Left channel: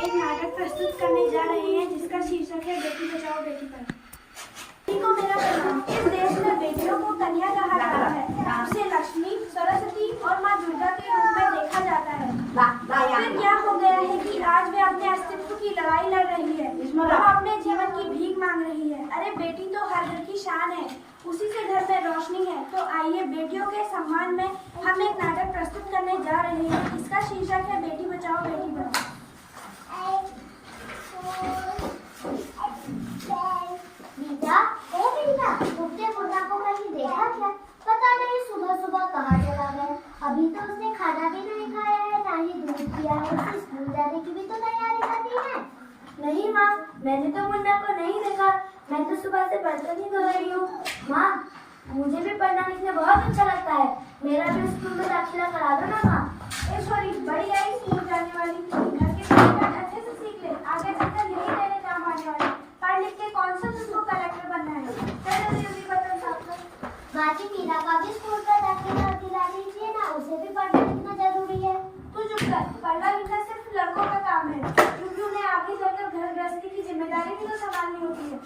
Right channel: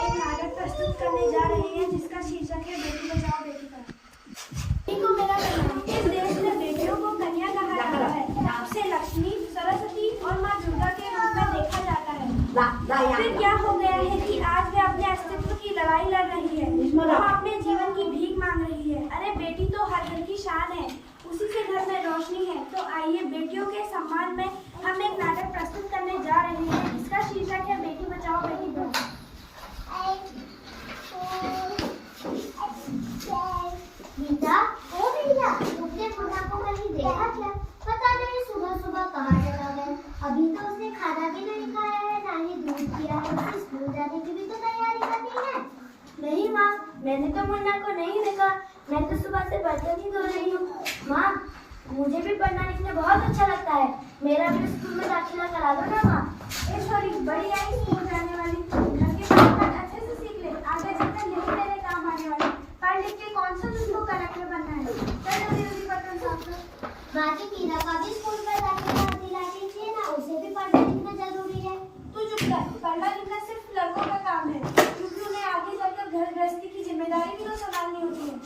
एक नाटक प्रस्तुत करने जा रहे हैं जिसका शीर्षक है बेटी बचाओ बेटी पढ़ाओ। बेटी को मेरा प्रणाम। इस देश में बेटियों को कन्या कहा जाता है। उसे लक्ष्मी, सरस्वती और माँ दुर्गा के रूप में देखा जाता है। फिर क्या हो गया है कि आज वे अपने अस्तित्व की लड़ाई लड़ रही है, वह अपने जीवन की भीख मांग रही है। अरे बेटी तो हर घर की शान है, उसी से घर में रोशनी है। तो आइए बेटियों के सम्मान में हम एक नाटक प्रस्तुत करने जा रहे हैं जिसका शीर्षक है बेटी बचाओ बेटी पढ़ाओ। बेटा, तुमने मुन्ना को कहीं देखा क्या? पता नहीं सुबह सुबह कहाँ चला गया। अभी तो उसने खाना भी नहीं खाया है, ना ही दूध पिया है। उसे स्कूल जाने की भी तो तैयारी करनी है। नहीं माँ, मैंने तो मुन्ना को नहीं देखा। मैं तो सुबह से बर्तन ही धो रही हूँ। माँ, मुझे भी पढ़ना लिखना बहुत अच्छा लगता है। मेरा भी स्कूल में दाखिला करा दो ना माँ। सॉरी, बड़ी आई स्कूल जाने वाली, घर के काम अच्छे से सीख ले, आगे चलकर यही तेरे काम आने वाले। पढ़ लिख के कौन सा तुझको कलेक्टर बनना है? चल जल्दी बर्तन साफ कर। माँ की मीरा का भी स्कूल पर दाखिला दिला दीजिए ना, उसे भी पढ़ना लिखना जरूरी है। तू चुप कर, पढ़ना लिखना सिर्फ लड़कों का काम है, क्योंकि उन्हें आगे चलकर घर गृहस्थी की जिम्मेदारी भी तो संभालनी होती है।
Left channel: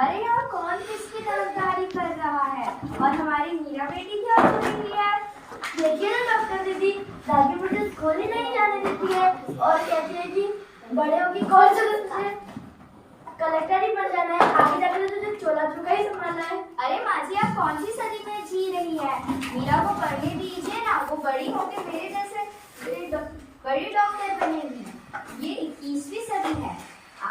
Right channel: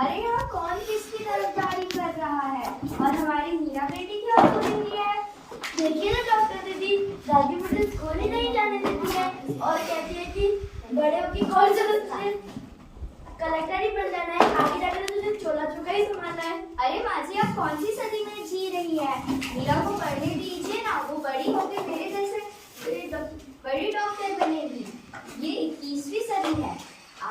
अरे यहाँ कौन किसकी तरफदारी कर रहा है? और हमारी मीरा बेटी क्या कर रही है? देखिए ना डॉक्टर दीदी, दादी मुझे स्कूल ही नहीं जाने देती है और कहती है कि बड़े होगी कौन सा कलेक्टर ही बन जाना है, आगे जाकर तो तुझे चोला चुका ही संभालना है। अरे माँ जी, आप कौन सी सदी में जी रही है? मीरा को पढ़ने दीजिए ना, वो बड़ी होकर मेरे जैसे बड़ी डॉक्टर बनेगी। ये 21वीं सदी है।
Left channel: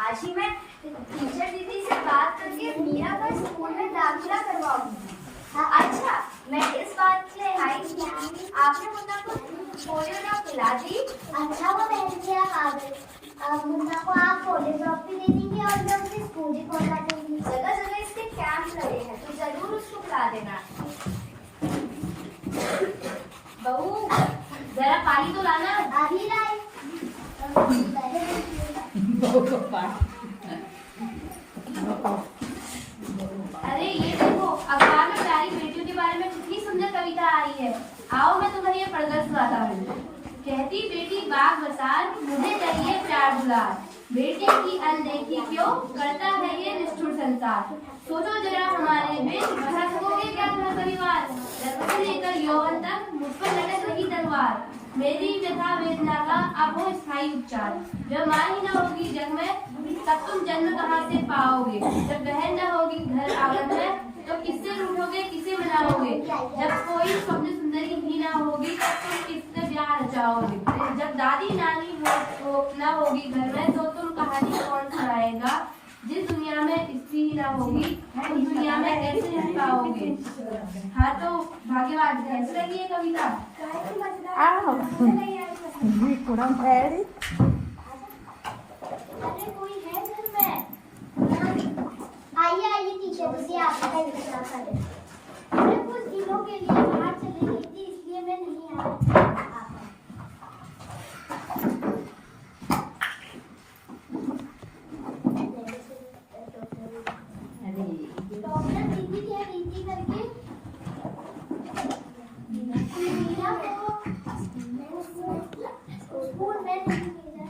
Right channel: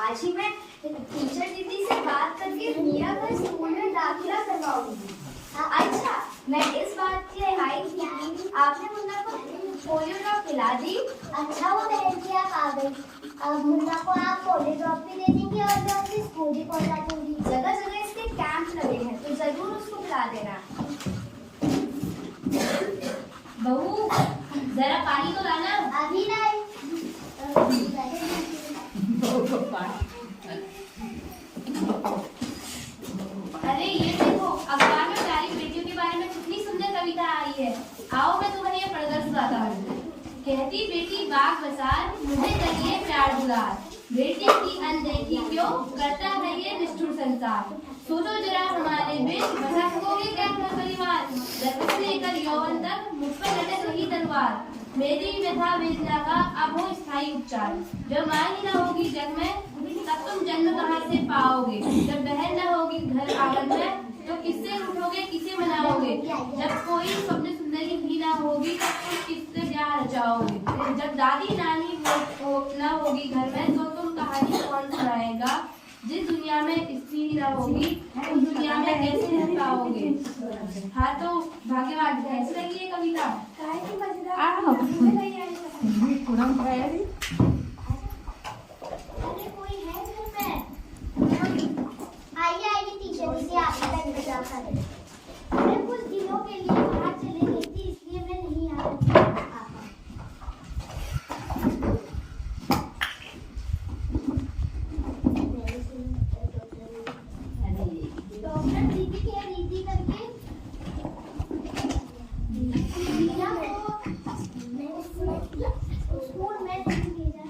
आज ही मैं टीचर दीदी से बात करके मीरा का स्कूल में दाखिला करवाऊंगी। अच्छा, मैं इस बात की रिहाई की आपने मुन्ना को पोलियो ड्रॉप पिला दी? अच्छा, वो बहन जी आप आ गई। अब मुन्ना को आप पोलियो ड्रॉप भी दे देंगी और मैं उसे स्कूल भी पहुंचा दूंगी। जगह जगह इसके कैंप लगे हैं, तो जरूर उसको पिला देना। बहू, जरा पानी तो लाना। अभी लाई। अरे ये देखो, अखबार में प्यारी बेटियों के बारे में कितनी सुंदर कविता आई है। आओ मैं तुम्हें ये पढ़कर सुनाता हूँ। कहती बेटी बाग बसार, मुझे करिए प्यार दुलार। बेटी की अनदेखी क्यों करता है ये निष्ठुर संसार। सोचो जरा हमारे बीच भटकोगे क्या घर परिवार। जन्म से लेकर यौवन तक मुझ पर लटक रही तलवार। मेरी व्यथा वेदना का अब हो स्थायी उपचार। जब माँ ही न होगी जग में तब तुम जन्म कहाँ से पाओगे। जब बहन न होगी घर आंगन में तो किससे रूठोगे किसे मनाओगे। जब कोई स्वप्न सुंदरी ही न होगी तब तुम किससे ब्याह रचाओगे। जब दादी नानी न होगी घर में तो तुम कहानी कौन सुनाएगा। जिस दुनिया में स्त्री ही न होगी उस दुनिया में कैसे रह पाओगे। हाँ तो भाग्यवान, कैसी लगी ये कविता? अरे कोई है घर में? आइए टीचर जी, आपका इंतजार कर रहे हैं। मैं कुछ दिनों के लिए बाहर चली गई थी, इसलिए मैं नहीं आ पाई। डॉक्टर दीदी क्या दीदी करके मीरा को स्कूल में नहीं भेजा।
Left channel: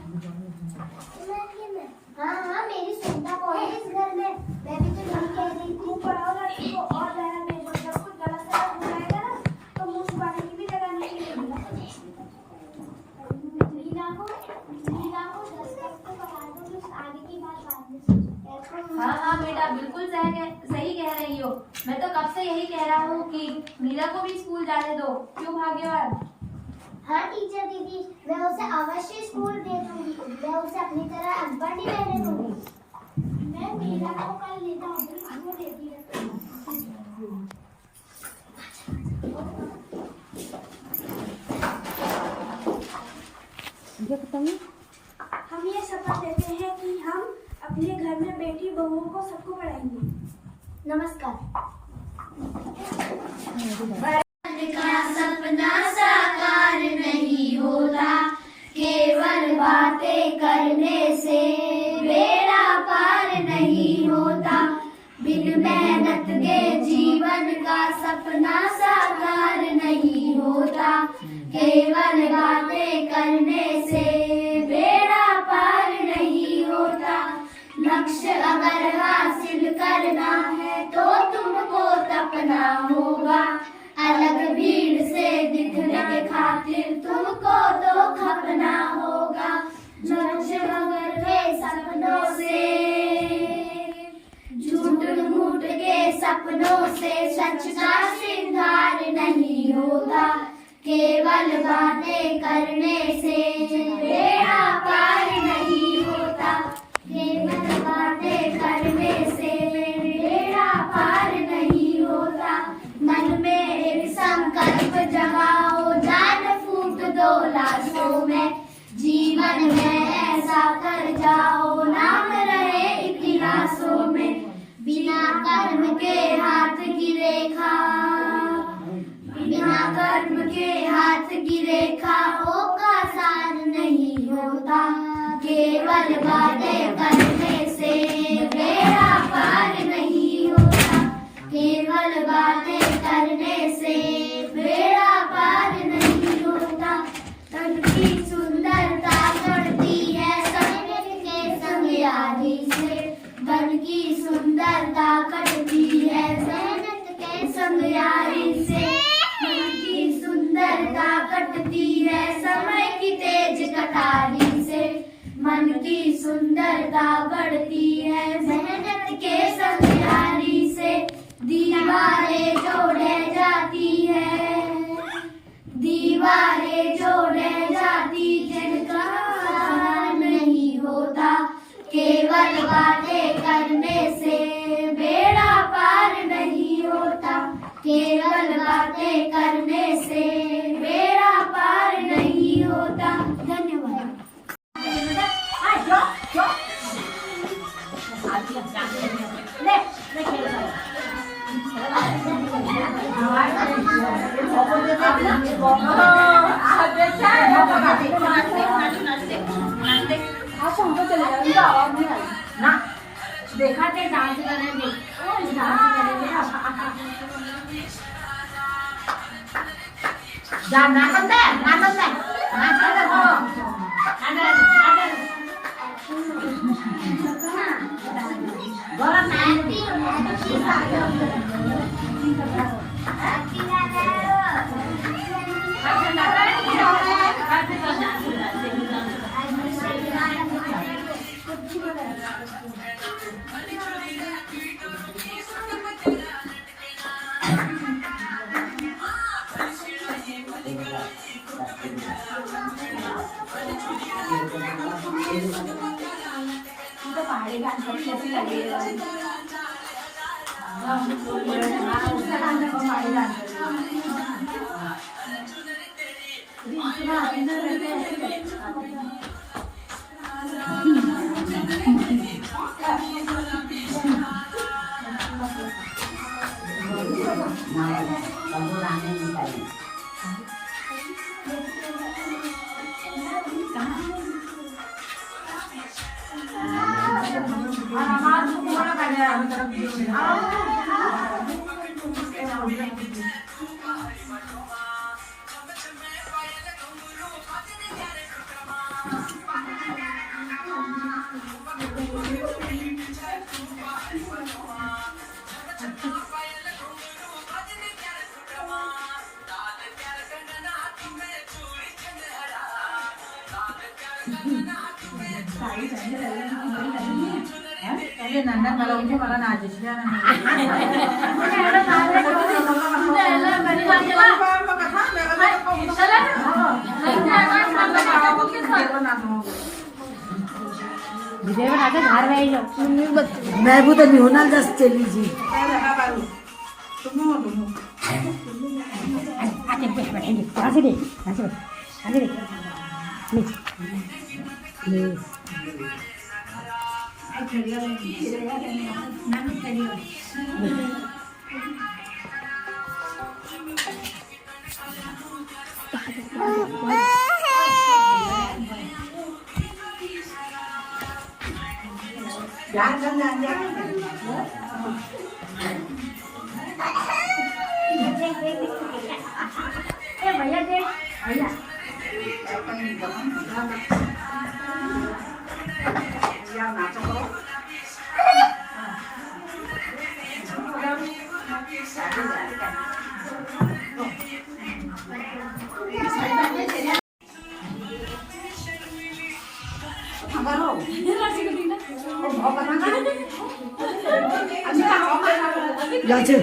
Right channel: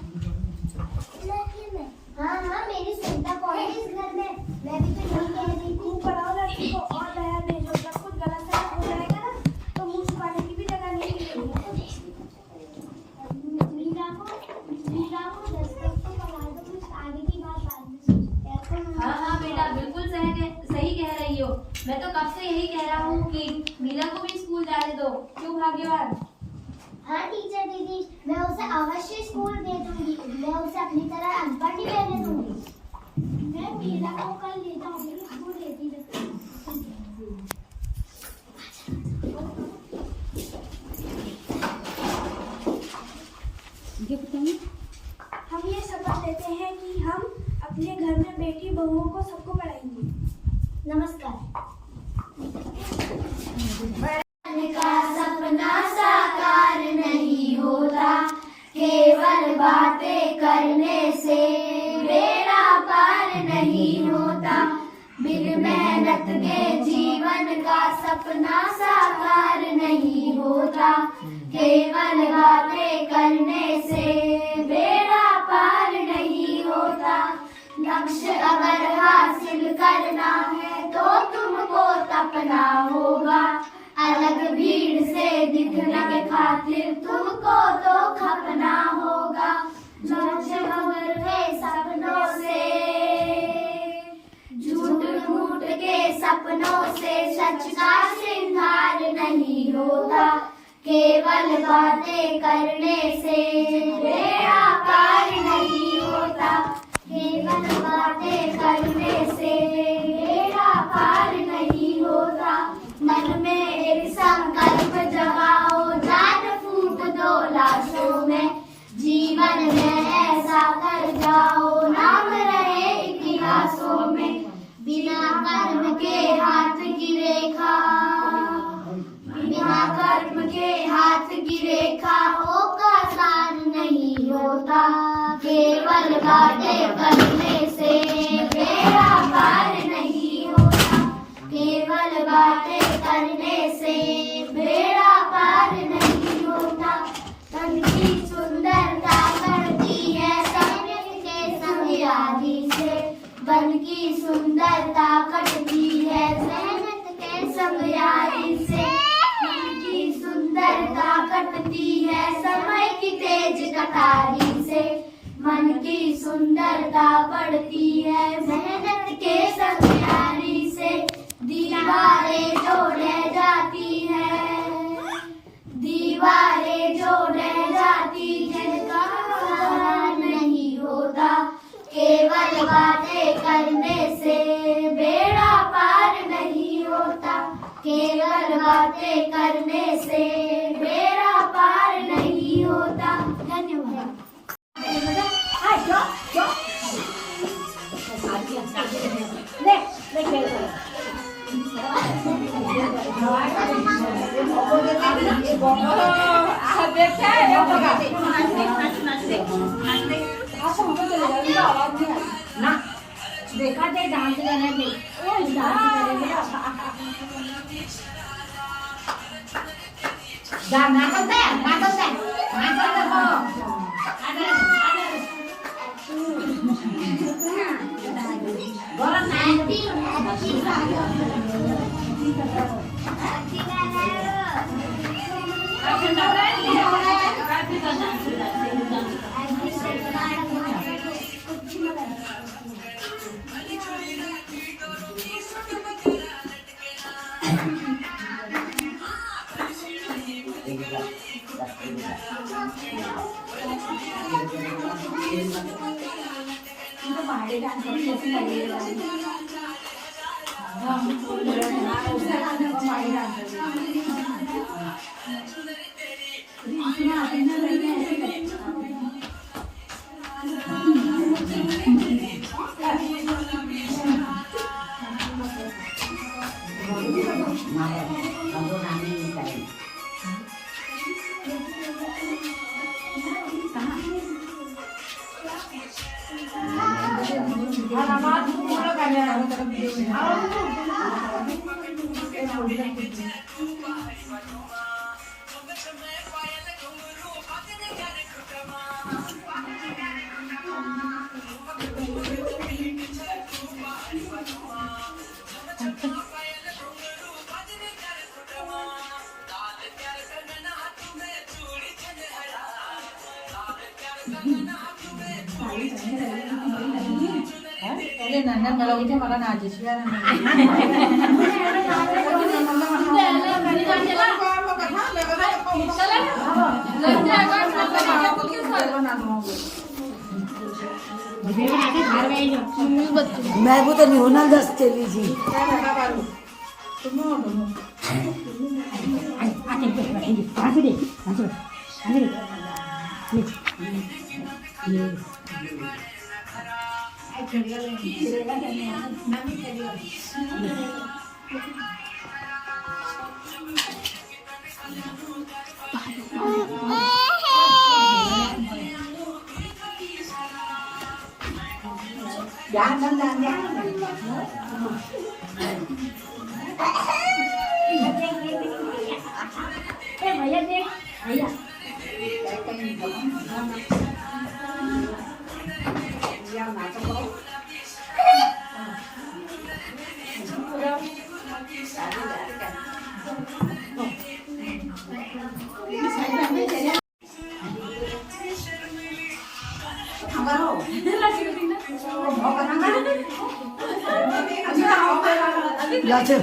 हाँ, मेरी सुनता कौन है इस घर में? मैं भी तो यही कह रही थी। पढ़ाओ लड़की को और बहन भेजो। जब कुछ गलत सलत हो जाएगा ना तो मुंह छुपाने की भी जगह नहीं मिलेगी। मीरा को 10 तक तो पढ़ा दो, फिर आगे की बात बाद में सोचेंगे। हाँ बेटा, बिल्कुल सही कह रही हो। मैं तो कब से यही कह रहा हूँ कि मीरा को भी स्कूल जाने दो। क्यों भाग्यवान? हाँ टीचर दीदी, मैं उसे अवश्य स्कूल दे दूंगी। मैं उसे अपनी तरह अनपढ़ नहीं रहने दूंगी। मैं मीरा को कल ले जाऊंगी, वो देती रहती। हम ये शपथ लेते हैं कि हम अपने घर में बेटी बहुओं को सबको पढ़ाएंगे। नमस्कार। का सपना साकार नहीं होता, केवल बातें करने से बेड़ा पार नहीं होता। बिन मेहनत के जीवन का सपना साकार नहीं होता, केवल बातें करने से करना होगा। अलग भीड़ से दिखने के खातिर तुमको तो खपना होगा। झकझक के सपनों से, झूठ मूठ के सपनों से सच का श्रृंगार नहीं होता। केवल बातें करने से बेड़ा पार नहीं होता। केवल बातें करने से बेड़ा पार नहीं होता। मन में एक संकल्प जगाओ, जान फूट दो लाशों में। जीवन में ऐसा कर जाओ, नाम रहे इतिहासों में। बिना कर्म के हाथ की रेखा, बिना कर्म के हाथ की रेखा ओ का सार नहीं होता। केवल बातें करने से बेड़ा पार नहीं होता। केवल बातें करने से बेड़ा पार नहीं होता। तन की सुंदरता बढ़ती है सैनिक के संग यारी से। बन की सुंदरता कटती है मेहनत के संग यारी से। मन की सुंदरता कटती है समय की तेज कटारी से। मन की सुंदरता बढ़ती है मेहनत के संग यारी से। दीवारें जोड़े जाती है, दीवारें जोड़े जाती जिनका नहीं होता। केवल बातें करने से बेड़ा पार नहीं होता। केवल बातें करने से बेड़ा पार नहीं होता। धन्यवाद। ना देखा थे डांस करने में, मला नाचेशी मैं भी तो नहीं होना दस चली जी भैया देख भैया যাচ্ছে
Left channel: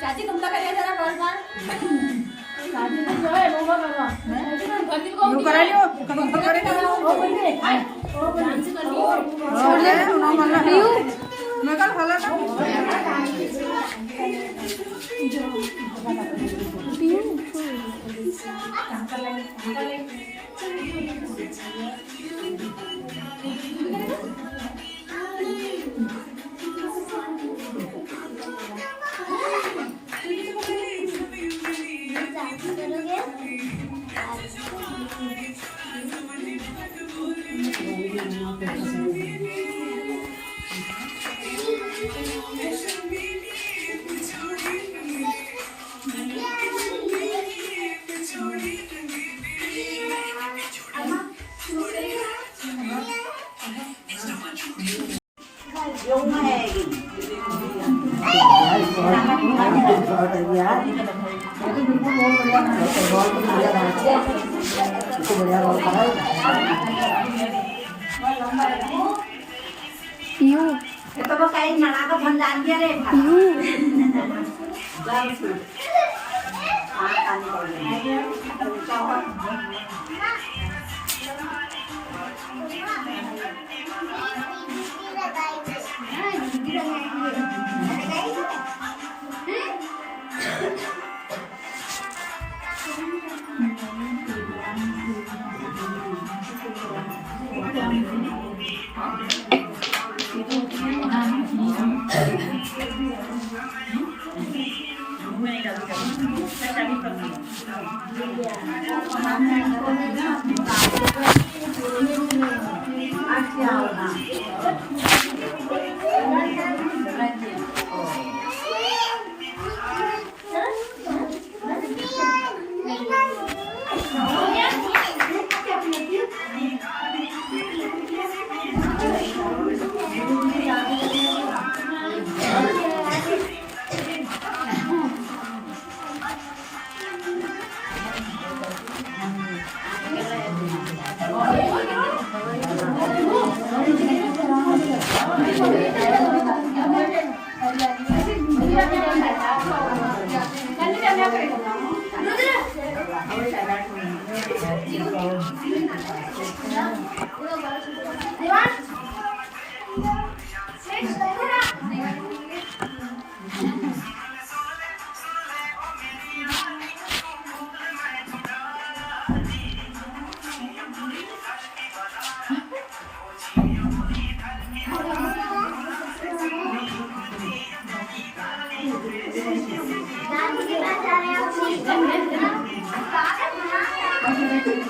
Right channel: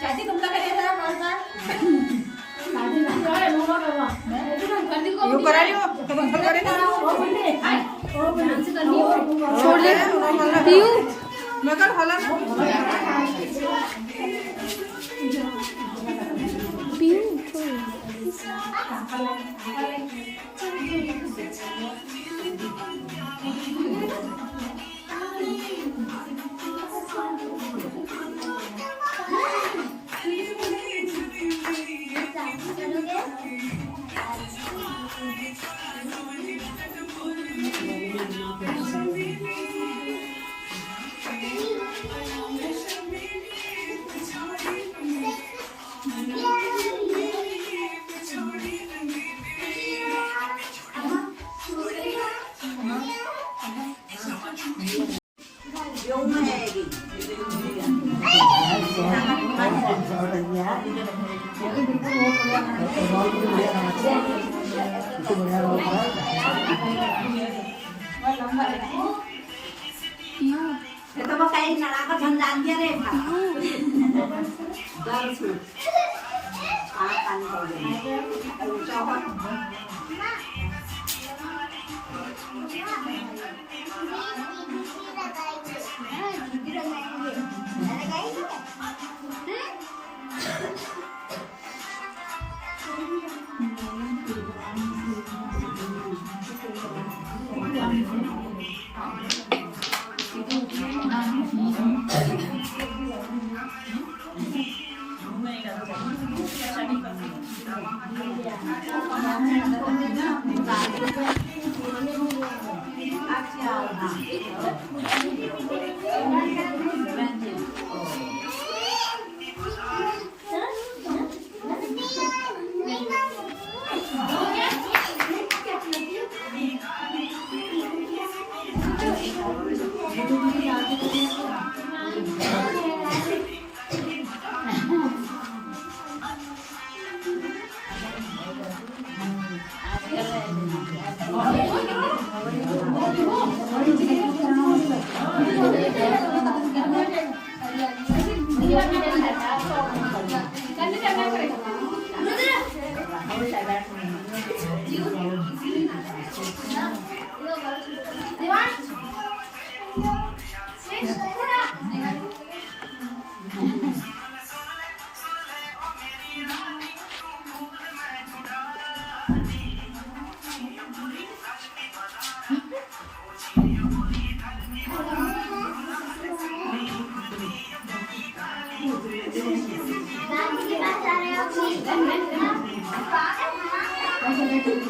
चाची तुमचा कधी जरा बोलणार यू करा लियो कदम करे ना छोड़ दे उन्होंने मैं कल हला ना itu बढ़िया रोल करा है ये तो बस कहीं नड़ा का धन जान के रे गर्ल्स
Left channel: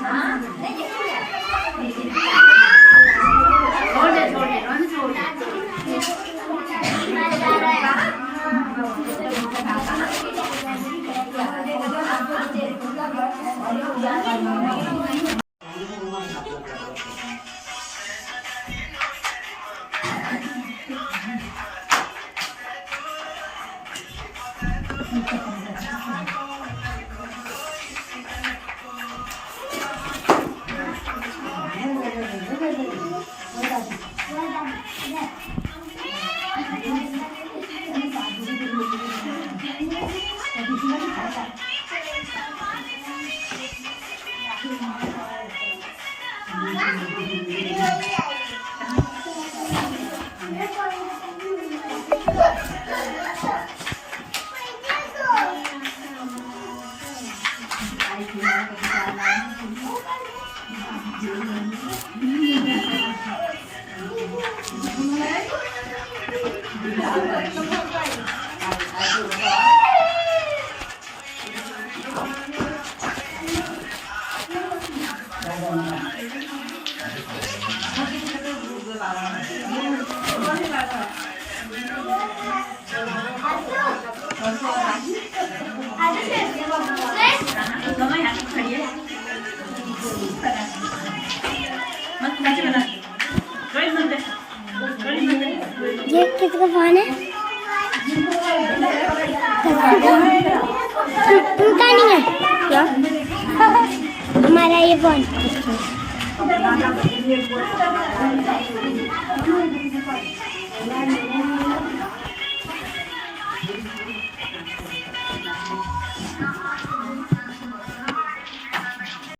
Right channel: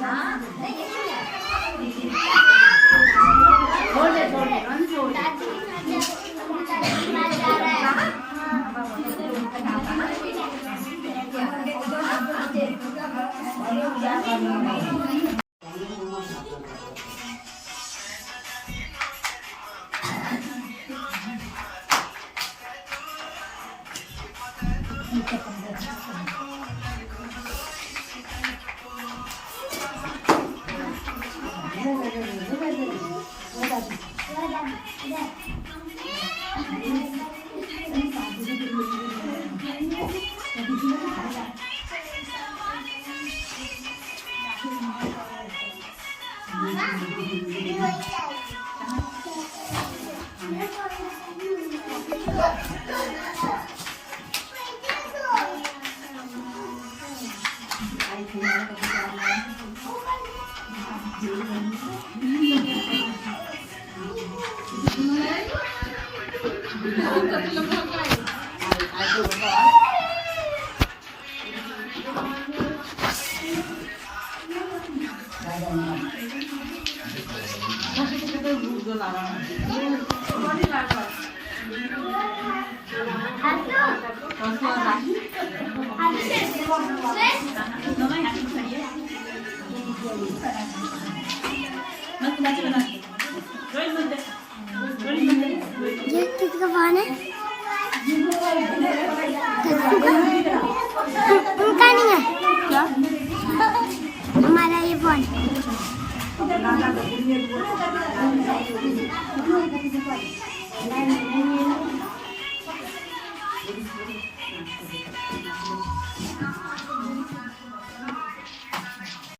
कान ये किसका फोन है? उनका नहीं है क्या? हमारा ये फोन